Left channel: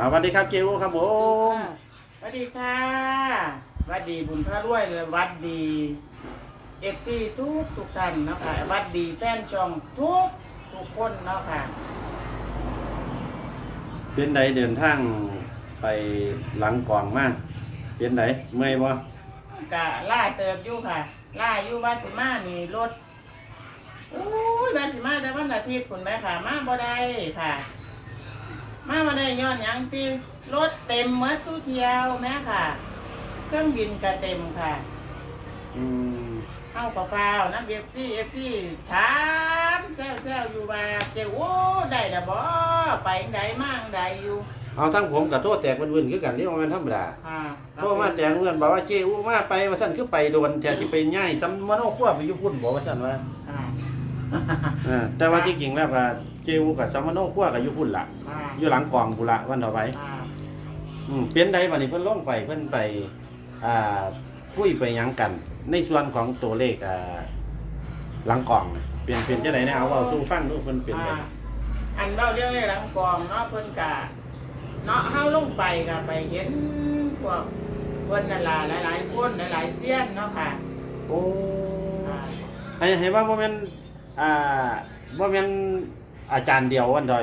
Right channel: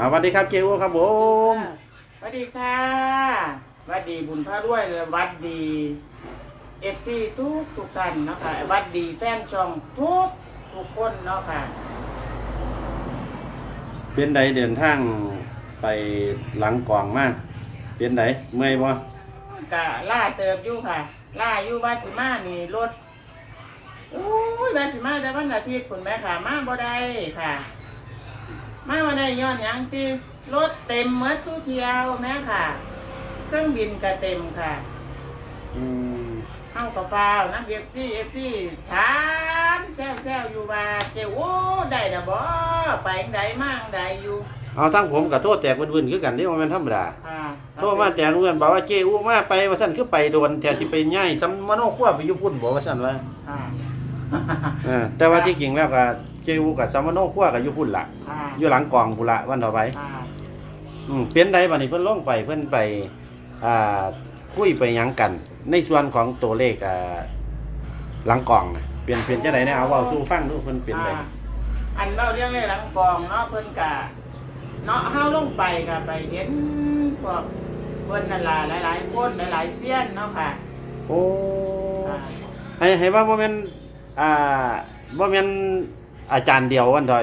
อ่าสวัสดีครับเจอูครับผมสวัสดีค่ะสวัสดีบุญพระรวยและวัดดีเอฟซีทุกทุกท่านเนาะค่ะวัดดีแฟนช่องทุกทุกคนเนาะค่ะ เป็นใดเดินทางไปหลังกองมากเป็นใดเมื่อยบ่กะล่าเติบอยู่ค่ะ ล่าอยู่บ้านสิมานี่รถโอ้ยบ้านสิมาแต่วันอาทิตย์คุณแม่ค่ะ มาบ่ได้ค่ะ มาบ่ได้ย้อนหยังตีรถเต็มเมื่อสู้เที่ยวแม่ค่ะ เครื่องบินก็เต็มค่ะอืมเอากับฟ้าวน้ำเอฟซีเอฟซีถามแซวแซวอยู่ว่าเจ้าโอ้ได้ดะบ่ไปจั่งใดมาจั่งใดอยู่เอาทั้งผมกับโทษแตกวุ่นๆคือกันนี่ว่ามันธรรมดาค่ะโทษมาแตกเงื่อนบอกว่าเจอูมาไปว่าซั่นคือไปโดนแทนสิไปย่ายซ้ำมโนครัวไปอยู่พุ่นบอกว่าซั่นว่าค่ะ เออแต่ว่าที่จริงแล้วก็เจอูกับซ้ำมโนครัวก็อยู่พุ่นล่ะค่ะอยู่หลังกองพุ่นละวันต่อไปค่ะอืมเป็นใดบัดนี้เพิ่นลงไปเพิ่นไปอ่าคุยไปหยังกัน ในส่วนของตัวเลขอ่าหลังกล่องน่ะเปลี่ยนเปลี่ยนจังได๋เนี่ยเอาเว้าสู่ฟังดูเพิ่นเป็นไดค่ะอันเล่าเรื่องในหลังกองเนาะเพิ่นกะเนาะเฮาลงไปก็ไปเห็นพวกเพิ่นนั่นล่ะหลายๆคนหลายๆเซียนเนาะค่ะโอ้ค่ะให้ให้ว่าบ่แม่น อ่าบ่แม่นอาจารย์เดียววันดอก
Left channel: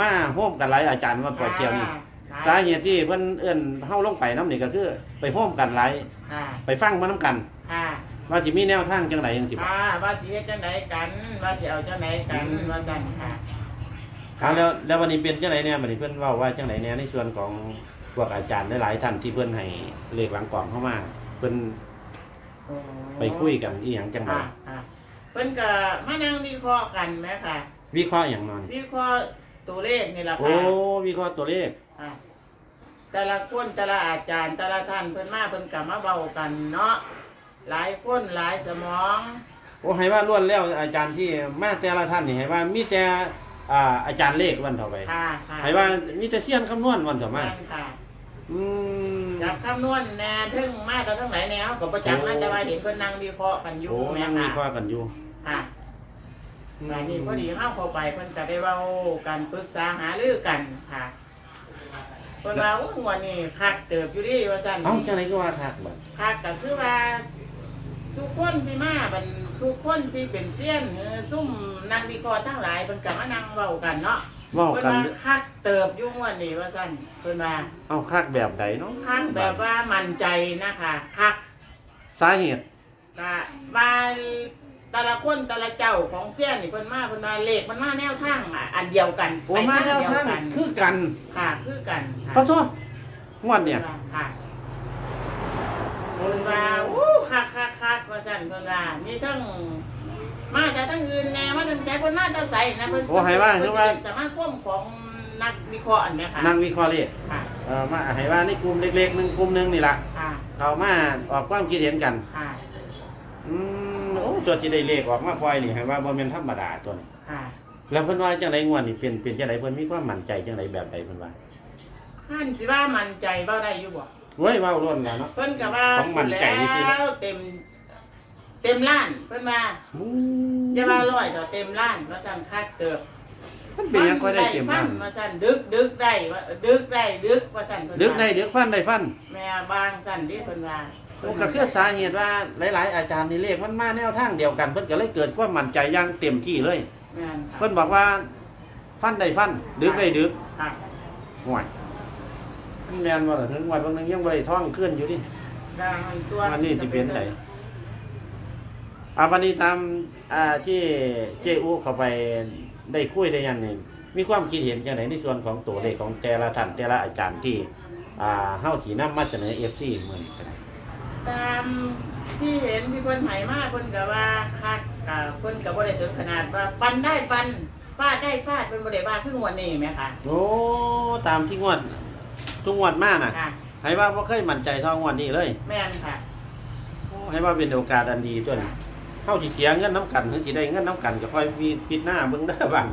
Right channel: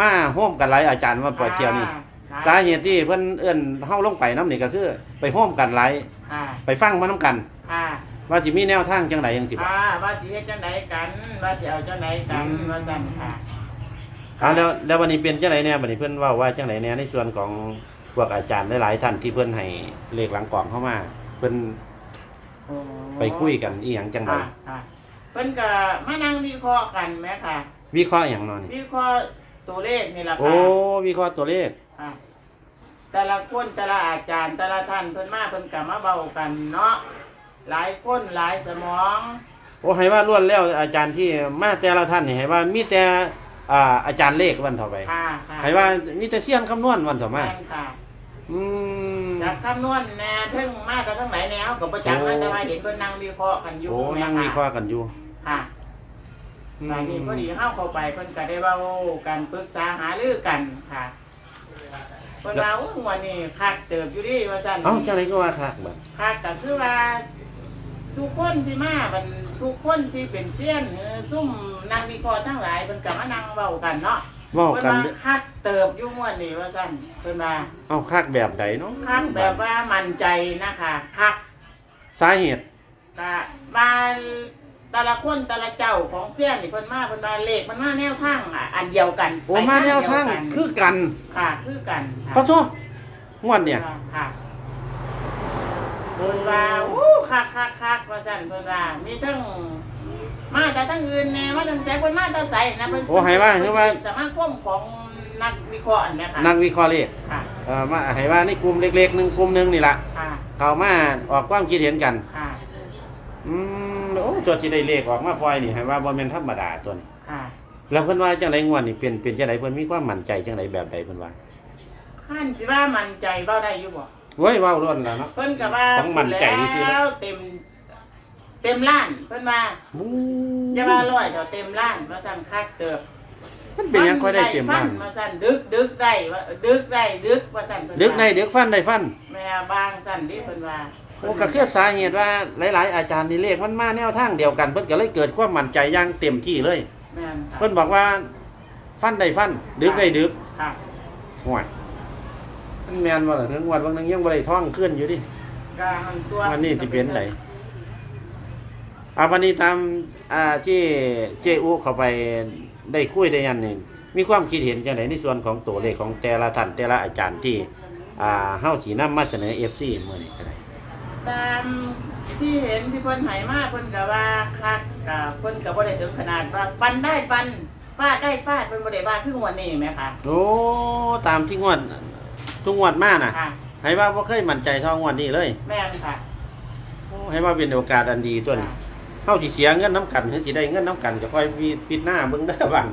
มาร่วมกันหลายอาจารย์ว่าปอเจียวนี่ค่ะสาเหตุที่เพิ่นเอิ้นเฮาลงไปนํนี่ก็คือ ไปร่วมกันหลายค่ะไปฟังมานํกันค่ะว่าสิมีแนวทางจังไดจังซี่บ่ค่ะว่าสิเฮ็ดจังไดกันว่าสิเอาจังไดกันว่าซั่นค่ะอ่าแล้วแล้ววันนี้เป็นจังไดแน่บัดนี้เพิ่นเว้าว่าจังไดแน่ในส่วนของพวกอาจารย์หลายๆท่านที่เพิ่นให้เลขหลังกล่องเข้ามา เพิ่นโอ้ไปคุยกันอีหยังจังไดค่ะค่ะ เพิ่นก็มานั่งวิเคราะห์กันแหมค่ะ วิเคราะห์หยังเนาะนี่วิเคราะห์ตัวเลขนี่ล่ะโอ้ค่ะวิเคราะห์ตัวเลข ค่ะ แต่ละคนแต่ละอาจารย์ แต่ละท่านเพิ่นมาเพิ่นก็มาเว้ากันเนาะหลายคนหลายสมองโอ้ให้ว่าล้วนแล้วอาจารย์ที่มาแต่ละท่านนี่ให้ว่ามีแต่อ่าอาจารย์เลขวันเท่าไปค่ะค่ะให้ว่ามีแต่เสี้ยนคำนวณวันเท่ามาแม่นค่ะอืม จากคำนวณแน่ถึงมาแต่ทั้งไหนแนวก็บ่จักนะโอ้ แต่ว่าเห็นเพิ่นนั่งวิเคราะห์กันอยู่โอ้แม่ยังมีค่ะ ข้อกันอยู่ ค่ะบางทีพอดีเข้าเข้าไปเพิ่นก็ได้เว้ากันปรึกษาหารือกันค่ะเพิ่นว่าโอ้วันนี้คักเติบอยู่ดิว่าซั่น เอ้าจังไดก็ว่าทักบ่คักก็คือว่า ทุกคนที่มาบันทุกคนที่เป็นเซียนเออซุ่มนักวิเคราะห์ทั้งหลายเพิ่นก็มานั่งเว้ากันเนาะเว้าเพิ่นกัน ว่าคักเติบอยู่ม่วนนี่ว่าซั่นเพิ่นว่าเอาคักแบบใดเนาะคักแบบว่ามั่นใจนะคะคักสาเหตุ ก็ว่า แต่ละคนแต่ละเจ้าของเสี้ยนนี่เพิ่นมาเพิ่นมาเลขมันมาแนวทางอะอันเดียวกันโอ้มาแนวทางไปเดียคือกันค่ะ คือกันค่ะปะโทงวดเนี่ยค่ะเพิ่นว่าอู้คักคักคักว่าซั่นเพิ่นว่ามีทั้งมาแต่ทั้งอื่นแน่มาทั้งแจกเพิ่นมาแต่ใสนะเพิ่นโอ้ให้ว่าคือว่าสมาคมของนักวิเคราะห์อันเนี้ยค่ะนักวิเคราะห์เลขค่ะเอ่อมาให้ว่าในกลุ่มเล็กๆหนึ่งกลุ่มหนึ่งนี่ละค่ะเขามาออกความคิดเห็นกัน ค่ะ อืมโอ้ ตัวที่ได้เลขออกมาปล่อยนี่ให้ว่าบ่แม่นธรรมดาตัวนี้ ค่ะแล้วเพิ่นว่าจังไดงวดนี่เป็นเป็นจังไดเพิ่นมีความมั่นใจจังไดแบบใดเพิ่นว่าขั้นสิว่ามั่นใจเว้าได้อยู่บ่เว้ยเว้าล้วนแล้วเนาะ เพิ่นก็ว่าต้องมั่นใจซื่อๆนะแล้วเต็ม เต็มล้านเพิ่นว่าบู๊อย่าว่าร้อยเดี๋ยวเต็มล้านว่าสั่นคักเติบ มันเป็นหยังค่อยได้เต็มฟับ้านนมาสั่นดึกดึกได้ว่าดึกได้ดึกว่าสั่นเพิ่นดึกว่าได้ดึกฟันได้ฟันแม่บางสั่นที่เพิ่นว่าโอ้ก็คือสาเหตุว่าหลาย ๆ อาจารย์นี่เลขมันมาแนวทางเดียวกันเพิ่นก็เลยเกิดความมั่นใจอย่างเต็มที่เลย แม่นค่ะเพิ่นบอกว่าฟันได้ฟันดึกได้ดึกค่ะห่วยมันแม่นว่าล่ะถึงวันวันหนึงยังบ่ได้ท่องขึ้นอยู่ดิก็หันตัววันนี้สิเป็นไดอ่าวันนี้ตามอ่าที่เจอุเข้าไป ได้คุยได้ยันนี่มีความคิดเห็นจังไดในส่วนของตัวเลขของแต่ละท่านแต่ละอาจารย์ที่อ่าเฮาสินำมาเสนอ FC มื้อนี้ก็ได้ตามที่เห็นที่เพิ่นให้มาเพิ่นก็ว่าคักก็เพิ่นก็บ่ได้ถึงขนาดว่าฟันได้ฟันฟาดได้ฟาดเพิ่นบ่ได้ว่าคือวันนี้แม่ค่ะโอ้ตามที่งวดทุกงวดมาน่ะค่ะ ให้ว่าบ่เคยมั่นใจเท่างวดนี้เลย แม่นค่ะโอ้ให้ว่าเป็นโอกาสอันดีตัวนี้ เฮาสิเสียเงินน้ำกันถึงสิได้เงินน้ำกันก็ค่อยมีปิดหน้าเบิ่งเด้อบัง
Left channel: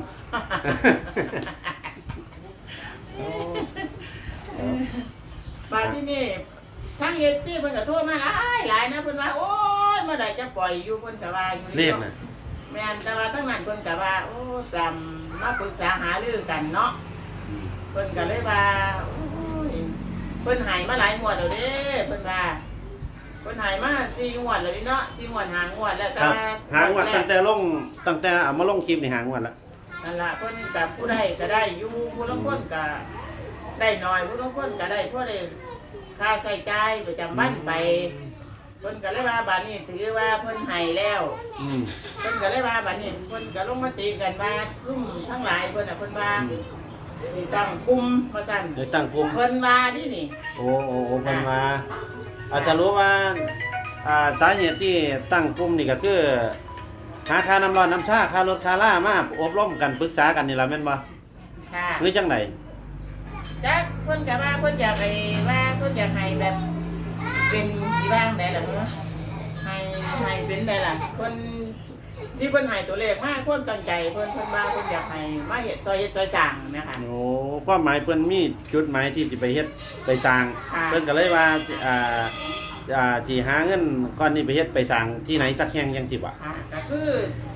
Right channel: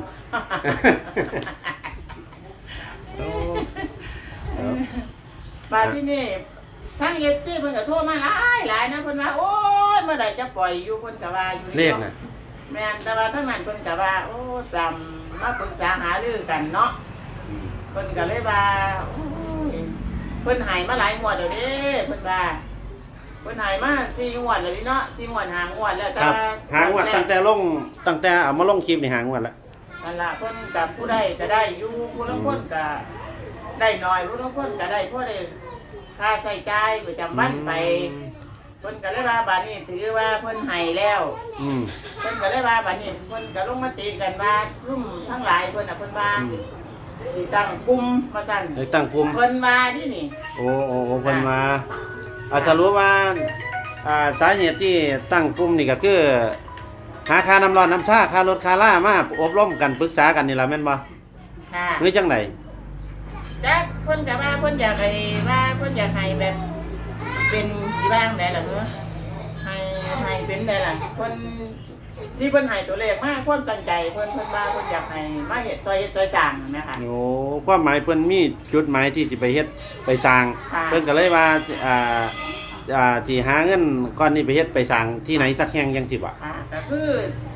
โอ้เออบาดที่นี่ทั้งเอฟซีเพิ่นก็โทรมาหลายหลายนะเพิ่นว่าโอ้ยเมื่อใดจะปล่อยอยู่เพิ่นก็ว่าอยู่เลนี่ขเนาะน่ะแม่นแต่ว่าทั้งนั้นเพิ่นก็ว่าโอ้ตามมาปรึกษาหารือกันเนาะอืมเพิ่นก็เลยว่าโอ้เพิ่นใหายมาหลายงวดแล้วเด้เพิ่นว่า เพิ่นใหายมาสี่งวดแล้วนี่เนาะสี่งวดหางวดแล้วแต่ครับว่าหางวดตั้งแต่ลงตั้งแต่เอามาลงคลิปนี่หางวดละนั่นล่ะเพิ่นกับผู้ใดก็ได้อยู่ผู้ลางคนก็ได้น้อยผู้ลางคนก็ได้ผู้ใดค่าใช้จ่ายประจำวันไปเพิ่นก็เลยว่าบัดนี้ถือว่าเพิ่นให้แล้ว อืม เพิ่นก็เลยว่าบัดนี้เพิ่นก็ลงมาตีกันว่าซุ่มทั้งหลายเพิ่นน่ะเพิ่นว่าอืมสิตั้งกลุ่มว่าซั่นได้ตั้งกลุ่ม เพิ่นว่าที่นี่โอ้โอ้โอ้เพิ่นมา อาจจะรู้ว่าอ่าสาเหตุที่ตั้งกลุ่มนี่ก็คือ หาค่าน้ำร้อนน้ำชาค่ารถค่าล่ามาอบรมกันปรึกษากันนี่ล่ะแม่นบ่ค่ะหรือจังไดจักเพิ่นก็ว่าเพิ่นอยากให้ว่าเพิ่นอยากให้แบบ เป็นสิบ้างได้ล่ะเนอะให้ให้เป็นได้ล่ะเพิ่น ที่เพิ่นให้ตัวเลขมาเพิ่นตั้งใจเพิ่นเพิ่นว่าเพิ่นอยากให้มาเฮ็ดซอยเฮ็ดซอยสร้างนะคะ โอ้ความหมายเพิ่นมีจุดหมายที่สิไปเฮ็ดไปสร้าง ค่ะ เพิ่นก็เลยว่าอ่าอ่าที่หาเงินก้อนนี้ไปเฮ็ดไปสร้างที่ไหนสักแห่งจังสิบ่ะค่ะก็คือ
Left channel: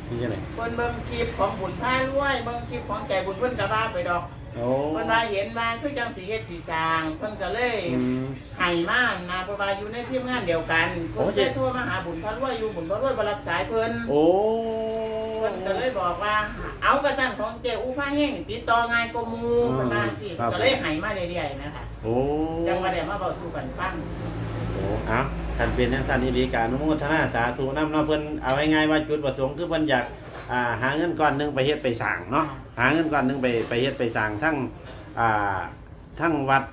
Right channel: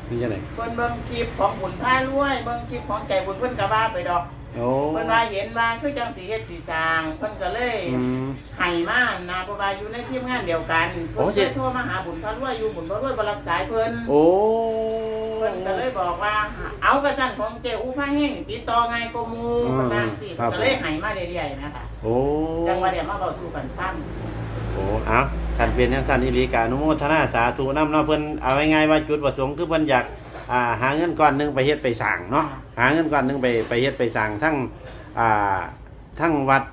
คือจังไดเพิ่นเบิ่งคลิปของบุญพารวยเบิ่งคลิปของใจบุญเพิ่นก็ว่าไปดอก โอ้เพิ่นว่าเห็นว่าคือจังสิเฮ็ดสิสร้างเพิ่นก็เลยอืม ให้มานะเพราะว่าอยู่ในทีมงานเดียวกันเพิ่นโอ้เคเจ๊ ยโทรมาหาบุญพารวยอยู่บุญพารวยบ่รับสายเพิ่นโอ้เพิ่นก็เลยบอกว่าเอากระสั่นของเจ้าอู้ผ้าแห้งติดต่อง่ายกว่าหมู่เพิ่นว่าจังซี่เพิ่นก็เลยให้มาเรื่อยๆนะคะโอ้จังว่าเดี๋ยวมาเว้าสู่กันฟัง โอ้เอาท่านเป็นจังซั่นนี่ดีกาอนุโมทนาสาธุนำเนาะเพิ่นเอาง่ายๆว่าจุดประสงค์คือเพิ่นอยากอ่าหาเงินก้อนหนึงไปเฮ็ดไปสร้างเนาะหาเงินก้อนหนึงไปไปเฮ็ดไปสร้างทั้งอ่าทั้งวัด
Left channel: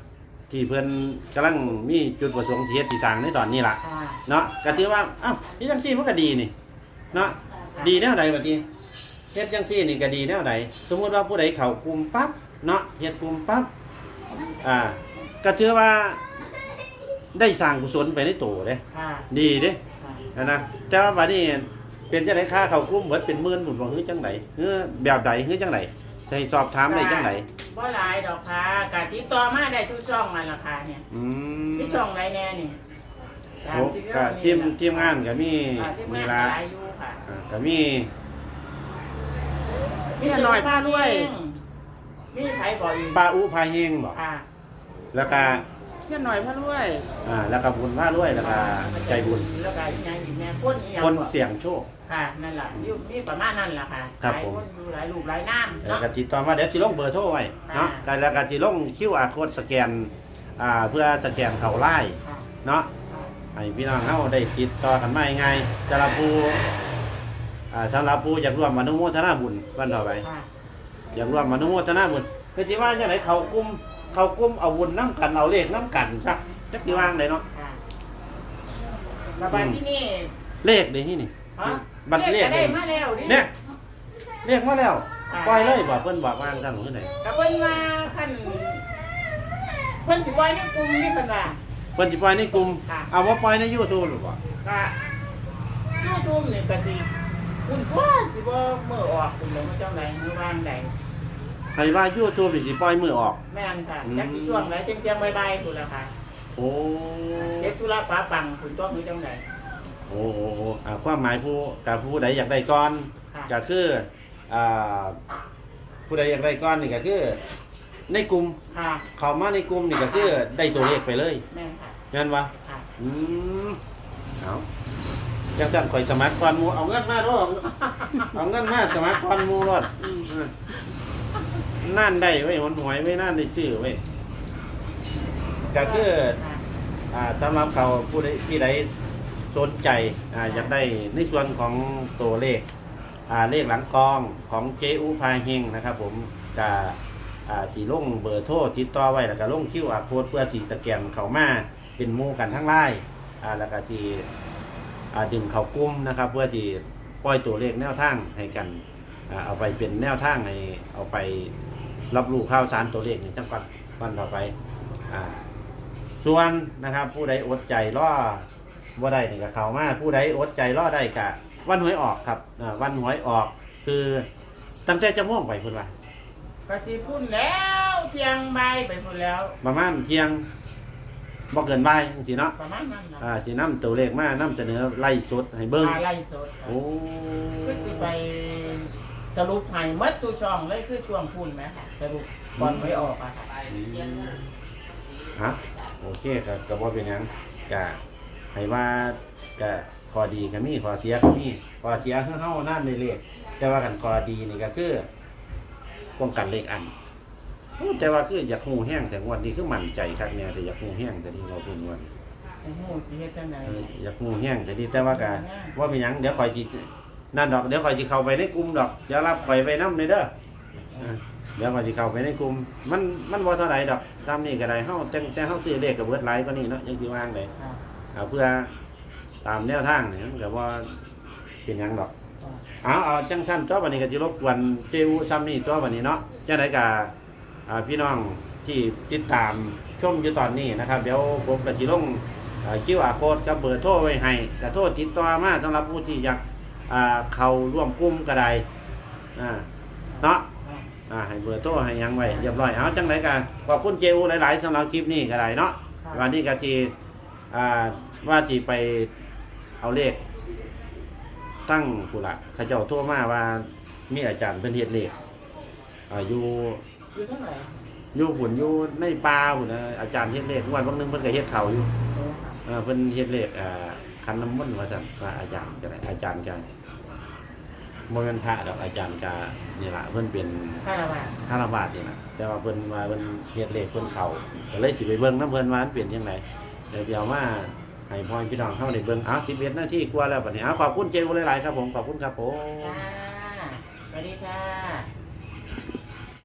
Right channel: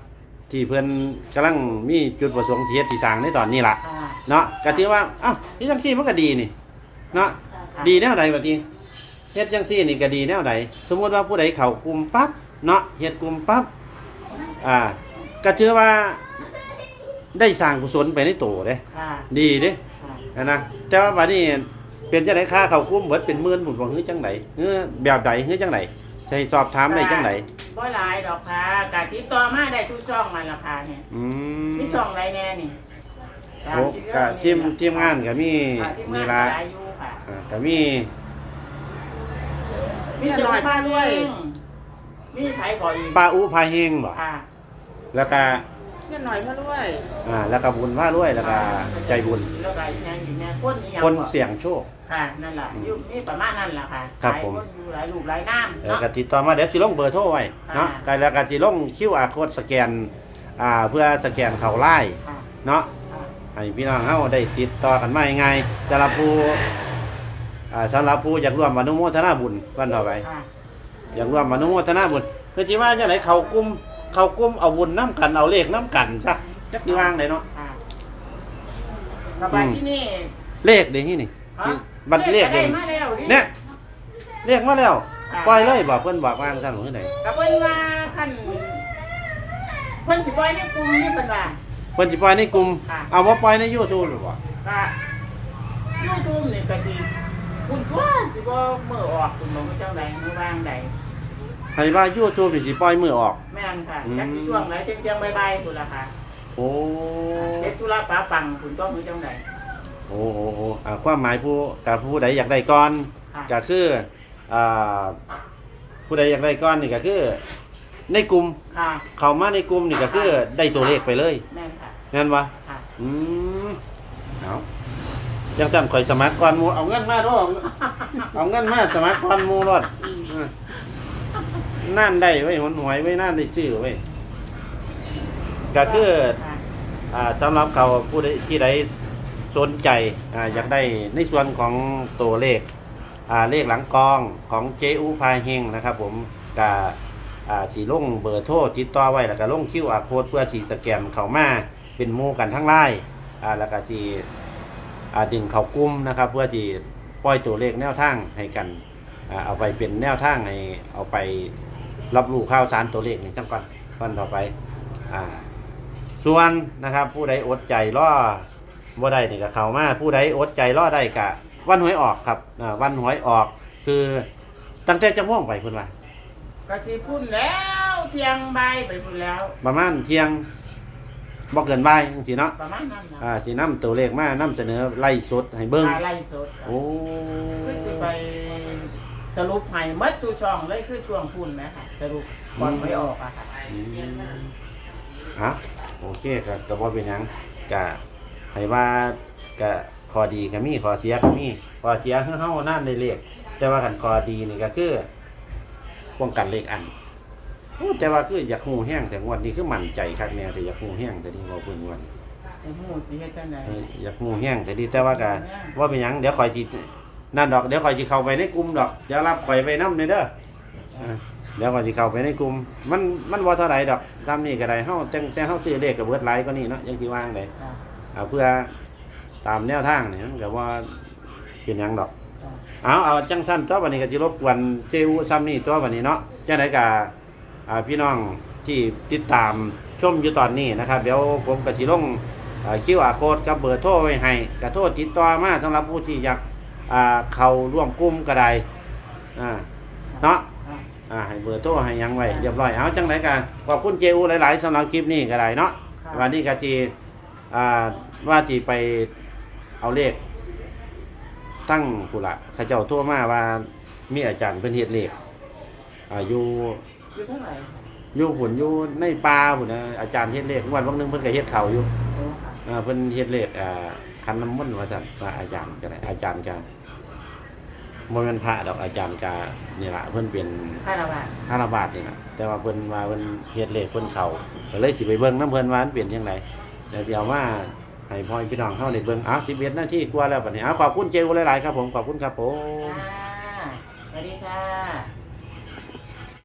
ที่เพิ่นกำลังมีจุดประสงค์ที่เฮ็ดสิสร้างในตอนนี้ล่ะ ค่ะเนาะก็ถือว่าเอ้าเฮ็ดจังซี่มันก็ดีนี่ เนาะค่ะดีแนวใดบัดนี้เฮ็ดจังซี่นี่ก็ดีแนวใดสมมุติว่าผู้ใดเข้ากลุ่มปั๊บเนาะเฮ็ดกลุ่มปั๊บอ่าก็ถือว่า ได้สร้างกุศลไปในตัวเด้ค่ะดีเด้ค่ะนะแต่ว่าบัดนี้เป็นจังไดค่าเข้ากลุ่มเบิดเป็นหมื่นพุ่นบ่ฮือจังไดเฮือแบบใดฮือจังไดใช่สอบถามได้จังไดบ่หลายดอกค่ะกติดต่อมาได้ทุกช่องมาราคาเนี่ยอืมมีช่องไรแน่นี่ตามโอ้ที่ก็เรื่องทีมนี่ทีมงานก็มีค่ะทีมมีงานละหลายอยู่ค่ะอ่าก็มี มีเจ้าพาด้วย มีไผบ่อีกปาอุพาเฮงบ่ค่ะแล้วก็ เช่นหน่อยพาด้วยอ่าแล้วก็บุญพาด้วยแล้วก็ใจบุญแล้วก็อีกอย่างอีกแน่คนอีหยังคนบ่เสี่ยงโชค ค่ะนั่นแหละอยู่มีประมาณนั้นแหละค่ะครับหลายผมคนอยู่หลายลูกหลายน้ำแล้วเนาะ ก็ติดต่อมาเดี๋ยวสิลงเบอร์โทรไว้เนาะอ่าก็แล้วก็สิลง QR code สแกนอ่าเพื่อสแกนเข้าไลน์ค่ะเนาะ ค่ะให้พี่น้องเฮาได้ติดต่อกันมาง่ายๆสำหรับผู้อ่าสำหรับผู้อยากร่วมอนุโมทนาบุญวันต่อไป ค่ะอยากร่วมอนุโมทนาบุญคือสิว่าจังไดเข้ากลุ่ม เข้ากลุ่มเอาบุญนํกันเอาเลขนํกันซะจักสิว่างได้เนาะ ค่ะระบายที่นี่เลขเด้ที่นี่ฮะบัตรเลขก็ได้เด้มาแล้วดิ เนี่ยเรียกมาแล้วอ่า ปล่อยเลยบอกเพิ่นบอกว่าท่านคือไหนกับเพิ่นว่าขั้นเพิ่นสิปล่อยในกลุ่มนี่เพิ่นว่า เพิ่นสิปล่อยในกลุ่มค่ะ เอาว่าปล่อยใน YouTube หรือบ่ก็ยูทูบนี่ก็สิคุณก็สิบ่มื้อออกคุณบ่มาจังไดมื้อวางใด ให้ว่า YouTube นี่สิปล่อยมือออก แม่นค่ะอืมจักสิช่วงไหนเที่ยงๆบ่ายๆพุ่นล่ะค่ะโอ้เฮ็ดธุระปาปังคุณต้องมือจังไดโอ้โอ้โอ้อ่าความหมายผู้กับผู้ใดอยากได้ก่อนค่ะก็คืออ่าผู้ใดอยากได้ก่อนนี่ก็คือ ในกลุ่มค่ะ เข้ามาในกลุ่มนี่ก็คือได้ตัวเลขไปเลยแม่นค่ะแม่นบ่ค่ะอืมเอาจังซั่นข่อยสมัครก่อนหมู่เอาเงินมาเด้อเอาเงินมาสมัครก่อนหมู่รอด นั่นได้ไว้ยมันหวยไว้นั่นได้ซื้อไว้ยก็คือค่ะอ่าสำหรับเขาผู้ใดที่ใดสนใจอ่าอยากได้ในส่วนของตัวเลขอ่าเลขหลังกองของเจอุพาเฮงนะครับ ผมกับอ่าสีลงเบอร์โทรติดต่อไว้แล้วก็ลงคิวอาโค้ดเพื่อสีสแกนเข้ามาเป็นหมู่กันทั้งไลน์อ่าแล้วก็สีอ่าดึงเข้ากลุ่มนะครับ เพื่อที่ปล่อยตัวเลขแนวทางให้กันอ่าเอาไปเป็นแนวทางให้เอาไป รับรู้ข่าวสารตัวเลขนี่จังก่อนก่อนต่อไปอ่าส่วนนะครับ ผู้ใดอดใจรอบ่ได้นี่ก็เข้ามาผู้ใดอดใจรอได้กะวันหวยออกครับอ่าวันหวยออก คือตั้งแต่จะม่วงไปคุณว่า ก็สิพุ่นแล้วเที่ยงบ่ายไปพุ่นแล้ว ประมาณเที่ยงบ่เกินบ่ายจังซี่เนาะประมาณนั้นนะอ่าสินํตัวเลขมานํเสนอไล่สดให้เบิ่งอาไล่สดโอ้คือสิไป สรุปให้หมดทุกช่องเลยคือช่วงพุ่นแหมค่ะสรุปก่อนไม่ออกอะค่ะอืมฮะโอเคก็ก็บ่เป็นหยังก็ให้ว่าก็ข้อดีก็มีข้อเสียก็มีข้อเสียคือเฮานั่นได้เลขแต่ว่ากันข้อดีนี่ก็คือป้องกันเลขอันโอ้แต่ว่าคืออยากฮู้แห้งแต่งวดนี้คือมั่นใจคักแน่แต่อยากฮู้แห้งแต่นี่บ่เพิ่นวันโอ้โหสิเฮ็ดจังไดเอออยากฮู้แห้งแต่ดีแต่ว่าก็ว่าเป็นหยังเดี๋ยวข่อยสิ นั่นดอกเดี๋ยวข่อยสิเข้าไปในกลุ่มดอกเดี๋ยวรับข่อยไว้นำเด้อเออเดี๋ยวข่อยสิเข้าไปในกลุ่มมันมันบ่เท่าไหร่ดอกตามนี้ก็ได้เฮาแต่งแต่เฮาซื้อเลขก็เบิดหลายกว่านี้เนาะยังสิวางได้ค่ะเอาเพื่อตามแนวทางนี่มันก็ว่าเป็นหยังดอกค่ะเอาเอาจังสั้นตัววันนี้ก็จะรบกวนเซลซ้ำนี่ตัววันนี้เนาะจังไดกับอ่าพี่น้องที่ติดตามชมอยู่ตอนนี้นะครับ เดี๋ยวผมก็สิลงคิวอาโค้ดกับเบอร์โทรไว้ให้กระโทษติดต่อมาสำหรับผู้ที่อยาก อ่าเข้าร่วมกลุ่มก็ได้อ่าเนาะค่ะอ่าให้เบอร์โทรให้หยังไว้เรียบร้อยเอาจังไดกันขอบคุณเจอูหลายๆสำหรับคลิปนี้ก็ได้เนาะค่ะวันนี้ก็ที่อ่าว่าที่ไปเอาเลข ตั้งผู้ละเขาเจ้าโทั่วมาว่ามีอาจารย์เป็นเฮ็ดเลขอ่าอยู่อยู่เท่าไหร่อยู่หุ่นอยู่ในป่าหุ่นนะอาจารย์เฮ็ดเลขวันวันหนึงเพิ่นก็เฮ็ดเขาอยู่โอ้ค่ะอ่าเพิ่นเฮ็ดเลขอ่า คันน้ำมนต์ว่าซั่นว่าอาจารย์ก็ได้อาจารย์จะบ่แม่นพระดอกอาจารย์จะนี่ล่ะเพิ่นเป็นค่าละบาทคารบาทนี่นะแต่ว่าเพิ่นมาเพิ่นเฮ็ดเลขเพิ่นเข้าก็เลยสิไปเบิ่งนํเพิ่นว่ามันเปลี่ยนจังไดเดี๋ยวสิเอามาให้พ่อพี่น้องเฮาได้เบิ่งเอา11นาทีกว่าแล้วบัดนี้เอาขอบคุณเจวหลายๆครับผมขอบคุณครับผม ค่ะสวัสดีค่ะ